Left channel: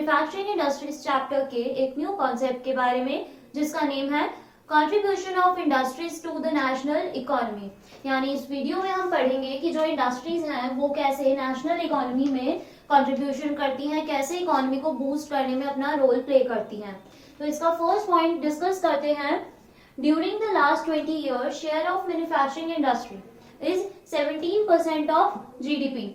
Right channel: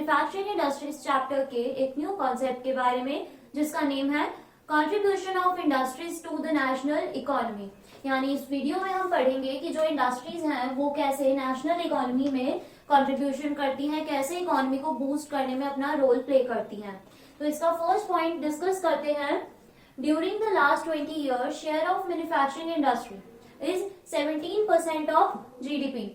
Manufacturing industries chapter के एक new concept के बारे में जिसका नेम है contribution of industries to the national economy. यानी इस वीडियो में हम पढ़ेंगे कि जो इंडस्ट्रीज हैं वो कैसे नेशनल इकोनॉमी में कंट्रीब्यूशन करती हैं, कैसे इकोनॉमी को बूस्ट करने में अपना रोल प्ले करती हैं। तो इसका फर्स्ट पॉइंट डिस्कस करते हैं। During the last 20 years, share of manufacturing industry is 17% of GDP,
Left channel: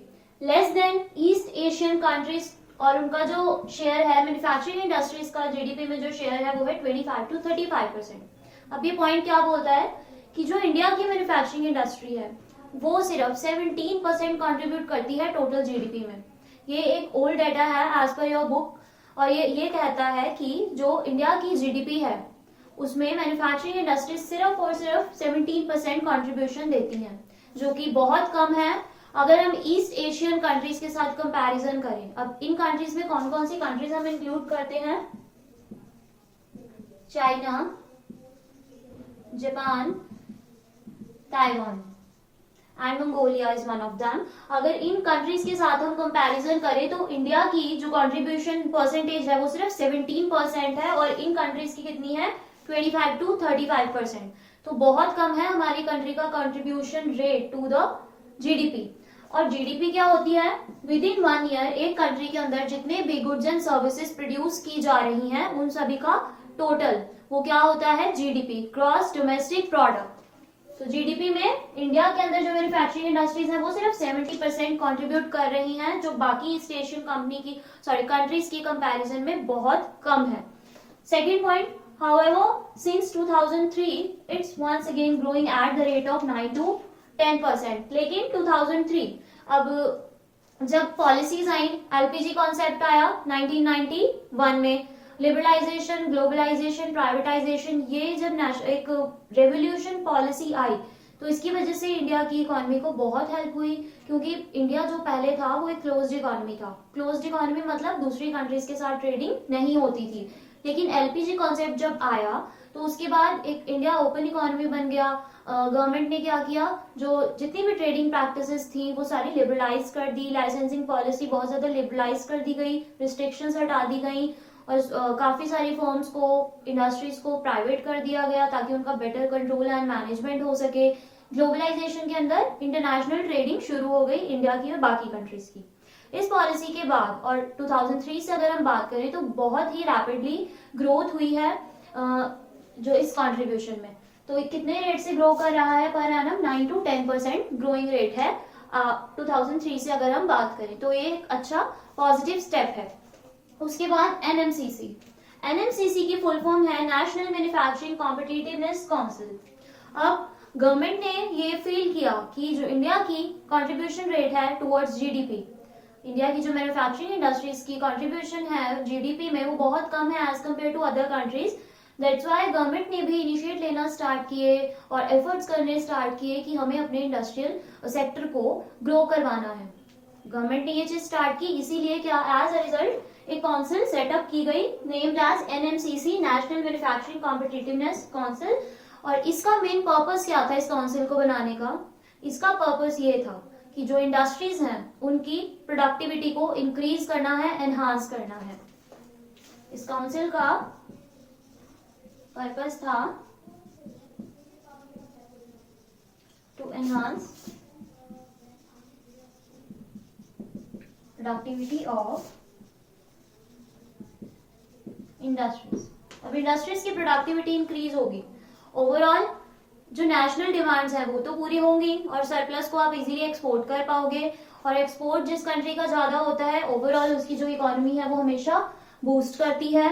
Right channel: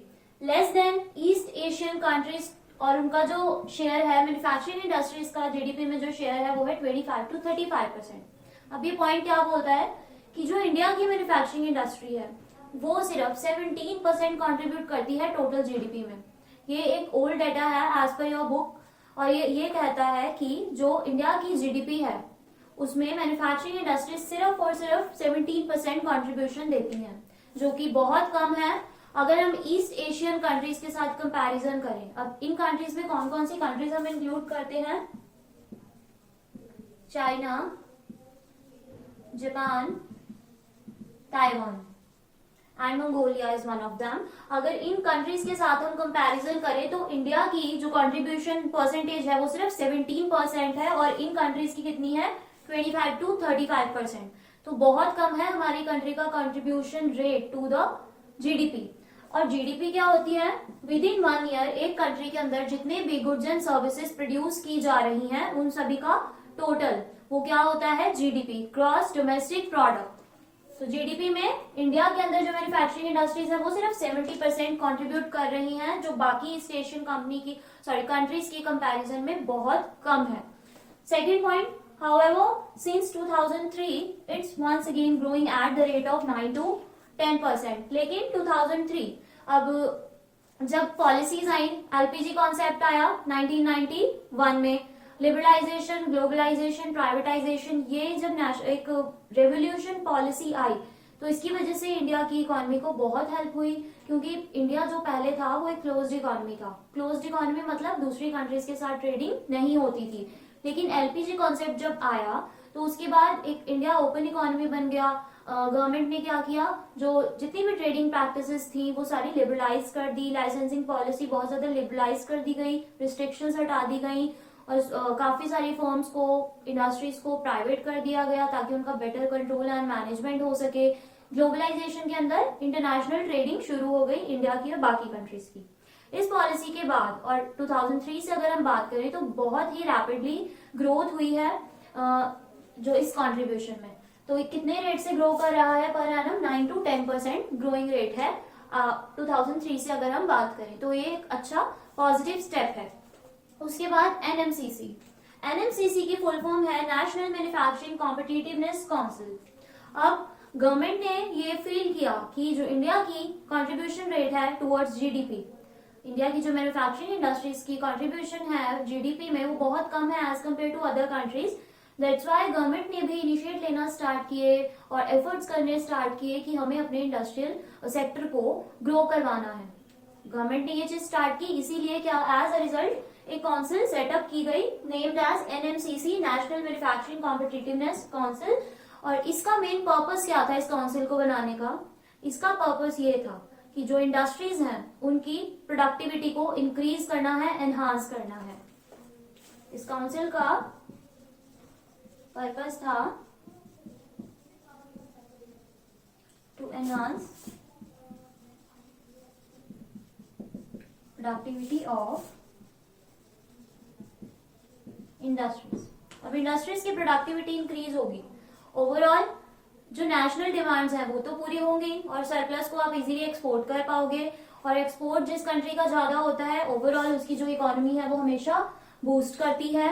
less than east Asian countries, और उनका जो शेयर है मैन्युफैक्चरिंग इंडस्ट्रीज का जीडीपी में जो शेयर है वो है 25 to 35%। अब ये पॉइंट क्या बोलता है कि जो इंडिया की मैन्युफैक्चरिंग इंडस्ट्री है वो सिर्फ 17% कंट्रीब्यूट करती है टोटल जीडीपी में। ये एक ओल्ड डाटा है एज पर योर बुक, और ये कहता है कि जो इंडिया की जीडीपी है उसमें मैन्युफैक्चरिंग इंडस्ट्री सिर्फ और सिर्फ 17% कंट्रीब्यूशन देती है, जो कि बहुत कम है अगर हम ईस्ट एशियन कंट्रीज के साथ कंपैरिजन करें। अब इन कंट्रीज में कौन कौन सी कंट्रीज हम इंक्लूड करते हैं? China, Japan, Taiwan and Mongolia is one of them. अगर इन कंट्रीज के साथ हम कंपैरिजन करें तो इंडिया की जो कंट्रीब्यूशन परसेंटेज है वो सिर्फ 17% है और इन कंट्रीज की कितनी है? 25 to 35%। तो बहुत कम है हमारी कंट्री का contribution rate to the GDP. और जीडीपी क्या होती है? विद इन 1 year एक कंट्री के अंदर जितने भी गुड्स एंड सर्विसेज प्रोड्यूस की जा रही हैं उन सभी का टोटल वो क्या होता है? GDP, gross domestic product. तो जीडीपी में इंडिया के अंदर जो मैन्युफैक्चरिंग इंडस्ट्रीज है वो सिर्फ 70% कंट्रीब्यूट कर रही हैं, जो बाकी ईस्ट एशियन कंट्रीज की कंपैरिजन में बहुत कम है। Second point, however since 2003 it's once again growing at the rate of 9 to 10%। लेकिन 2003 अब जब पॉलिसीज आई, एलपीजी कॉन्सेप्ट आया 1991 में, लिबरलाइजेशन, ग्लोबलाइजेशन, प्राइवेटाइजेशन, ये जब एक रेवोल्यूशन पॉलिसी आई तो इसकी वजह से इंडिया की इकोनॉमी को बहुत हेल्प हुई, क्योंकि इंडिया जो पहले था वो एक क्लोज्ड इकोनॉमी था। क्लोज्ड इकोनॉमी मतलब दूसरी कंट्रीज के साथ ट्रेडिंग नहीं होती थी। लेकिन एलपीजी कॉन्सेप्ट जब आया तो उसके बाद एक इंडिया ओपन इकोनॉमी बन गया। गवर्नमेंट ने क्या किया, जो जितनी भी ट्रेडिंग प्रैक्टिसेस थी वो सारी लिबरलाइज कर दी, लाइसेंसिंग पॉलिसी बहुत ज्यादा लिबरलाइज कर दी गई, रिस्ट्रिक्शंस हटा दी गई और काफी सारी फर्म्स को, इंडस्ट्रीज को प्राइवेट कर दिया गया ताकि उनका बेटर कंट्रोल एंड मैनेजमेंट हो सके। ग्लोबलाइजेशन के अंदर इंटरनेशनल ट्रेडिंग शुरू हो गई इंडिया की और बाकी कंट्रीज की। इस पॉलिसी के बाद और 2003 से अगर हम बात करें तो बहुत ही रैपिडली ग्रोथ हुई है जो इस कंट्रीब्यूशन में। तो कितने रेट से ग्रो कर रहा है per annum? 9 to 10% growing rate है 2003 से अगर हम बात करें, तो ये एक अच्छा पॉजिटिव स्टेप है। उसके बाद एनएमसीसी। एनएमसीसी की फुल फॉर्म है नेशनल मैन्युफैक्चरिंग कॉम्पिटिटिवनेस काउंसिल। अब गवर्नमेंट ने ये फील किया कि जो इंडिया की कंट्रीब्यूशन रेट है टुवर्ड्स जीडीपी, इंडिया की जो मैन्युफैक्चरिंग इंडस्ट्रीज की कंट्रीब्यूशन है जीडीपी में वो बहुत कम है as compare to other countries. That's why government ने भी इनिशिएट लेना स्टार्ट किए और एफर्ट्स करने स्टार्ट किए कि हमें अपने इंडस्ट्रियल सेक्टर को ग्रो करवाना है। गवर्नमेंट ने ये चीज स्टार्ट की, इसीलिए क्या एज अ रिजल्ट एक काउंसिल सेटअप की गई named as NMCC, national manufacturing competitiveness council. और इसका मेन पर्पस क्या था इस काउंसिल को बनाने का? इसका पर्पस ये था कि जो इंडस्ट्रीज हैं उनकी प्रोडक्टिविटी को इंक्रीज करना है, एनहांस करना है। इस काउंसिल का पर्पस था to enhance productivity of industries. अब इंडस्ट्रीज की प्रोडक्टिविटी इंक्रीज होगी, ओवरऑल जो नेशनल डिमांड्स है वो तो पूरी होंगी और सरप्लस को आप इजीली एक्सपोर्ट कर पाओगे। और एक्सपोर्ट जिस कंट्री का ज्यादा होता है ओवरऑल उसकी जो इकोनॉमी है वो हमेशा बूस्ट करती है।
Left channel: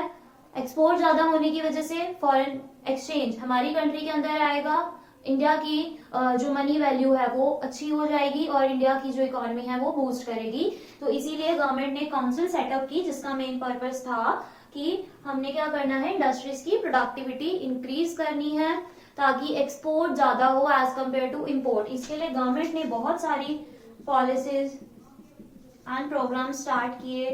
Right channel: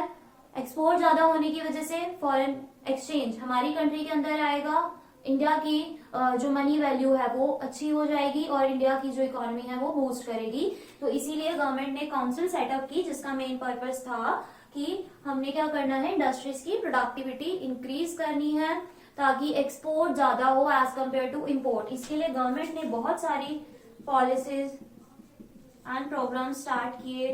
एक्सपोर्ट ज्यादा होने की वजह से फॉरेन एक्सचेंज हमारी कंट्री के अंदर आएगा, इंडिया की जो मनी वैल्यू है वो अच्छी हो जाएगी और इंडिया की जो इकोनॉमी है वो बूस्ट करेगी। तो इसीलिए गवर्नमेंट ने काउंसिल सेटअप की जिसका मेन पर्पस था कि हमने क्या करना है, इंडस्ट्रीज की प्रोडक्टिविटी इंक्रीज करनी है ताकि एक्सपोर्ट ज्यादा हो एज कम्पेयर टू इम्पोर्ट। इसके लिए गवर्नमेंट ने बहुत सारी पॉलिसीज एंड प्रोग्राम स्टार्ट किए।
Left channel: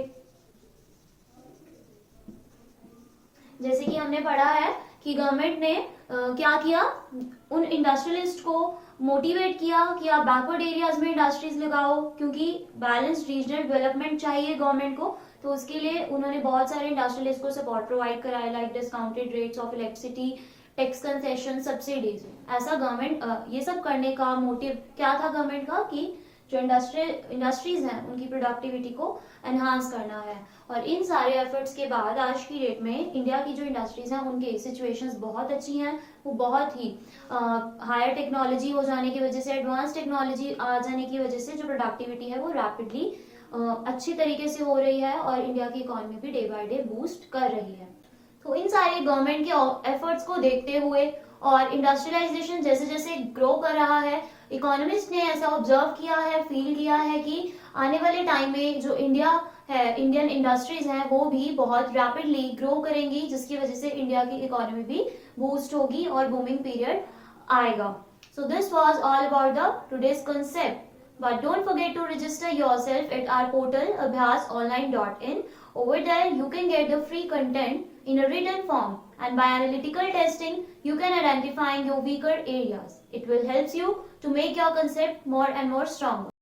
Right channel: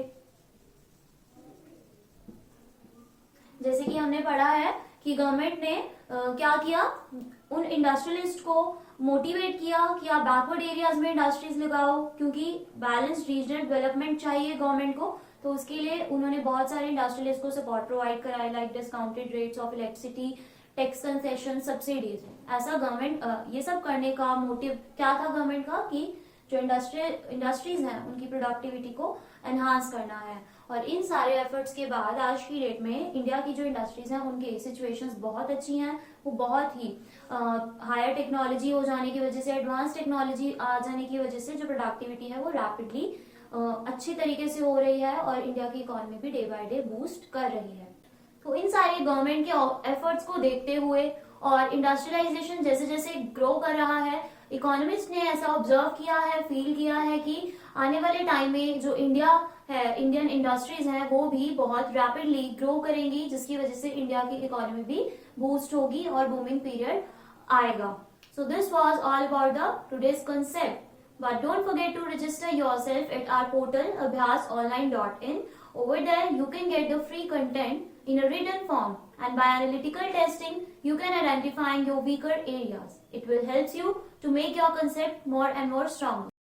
जैसे कि हमने पढ़ा है कि गवर्नमेंट ने क्या किया, उन इंडस्ट्रियलिस्ट को मोटिवेट किया कि आप बैकवर्ड एरियाज में इंडस्ट्रीज लगाओ, क्योंकि बैलेंस्ड रीजनल डेवलपमेंट चाहिए गवर्नमेंट को, तो उसके लिए उन्होंने बहुत सारे इंडस्ट्रियलिस्ट को सपोर्ट प्रोवाइड कराया, like discounted rates of electricity, tax concession, subsidies. ऐसा गवर्नमेंट ये सब करने का मोटिव क्या था गवर्नमेंट का, कि जो इंडस्ट्रीज हैं उनकी प्रोडक्टिविटी को एनहांस करना है। और इन सारे एफर्ट्स के बाद आज की डेट में इंडिया की जो इंडस्ट्रीज हैं उनकी सिचुएशंस बहुत अच्छी हैं। वो बहुत ही हायर टेक्नोलॉजी हो जाने की वजह से, एडवांस टेक्नोलॉजी आ जाने की वजह से जो प्रोडक्टिविटी है वो रैपिडली अच्छी तरीके से हो रही है और इंडिया की इकोनॉमी भी डे बाय डे बूस्ट कर रही है। तो इन सारे गवर्नमेंट के एफर्ट्स को देखते हुए और इंडस्ट्रियलाइजेशन जैसे जैसे ग्रो कर रहा है, इकोनॉमिस्ट ने ऐसा ऑब्जर्व किया है, फील किया है कि आने वाले टाइम में जो इंडिया है, इंडियन इंडस्ट्रीज हैं, वो भी बहुत रैपिडली ग्रो करेंगी, जिसकी वजह से इंडिया की इकोनॉमी भी बूस्ट होगी और बूमिंग पीरियड आएगा। So this was all about the today's concept. But don't forget to register yourself at our portal abhyasonline.in. Over there, you can get the free content in a written form, and by analytical testing, you can identify your weaker areas. It will help you to make your concept more and more stronger.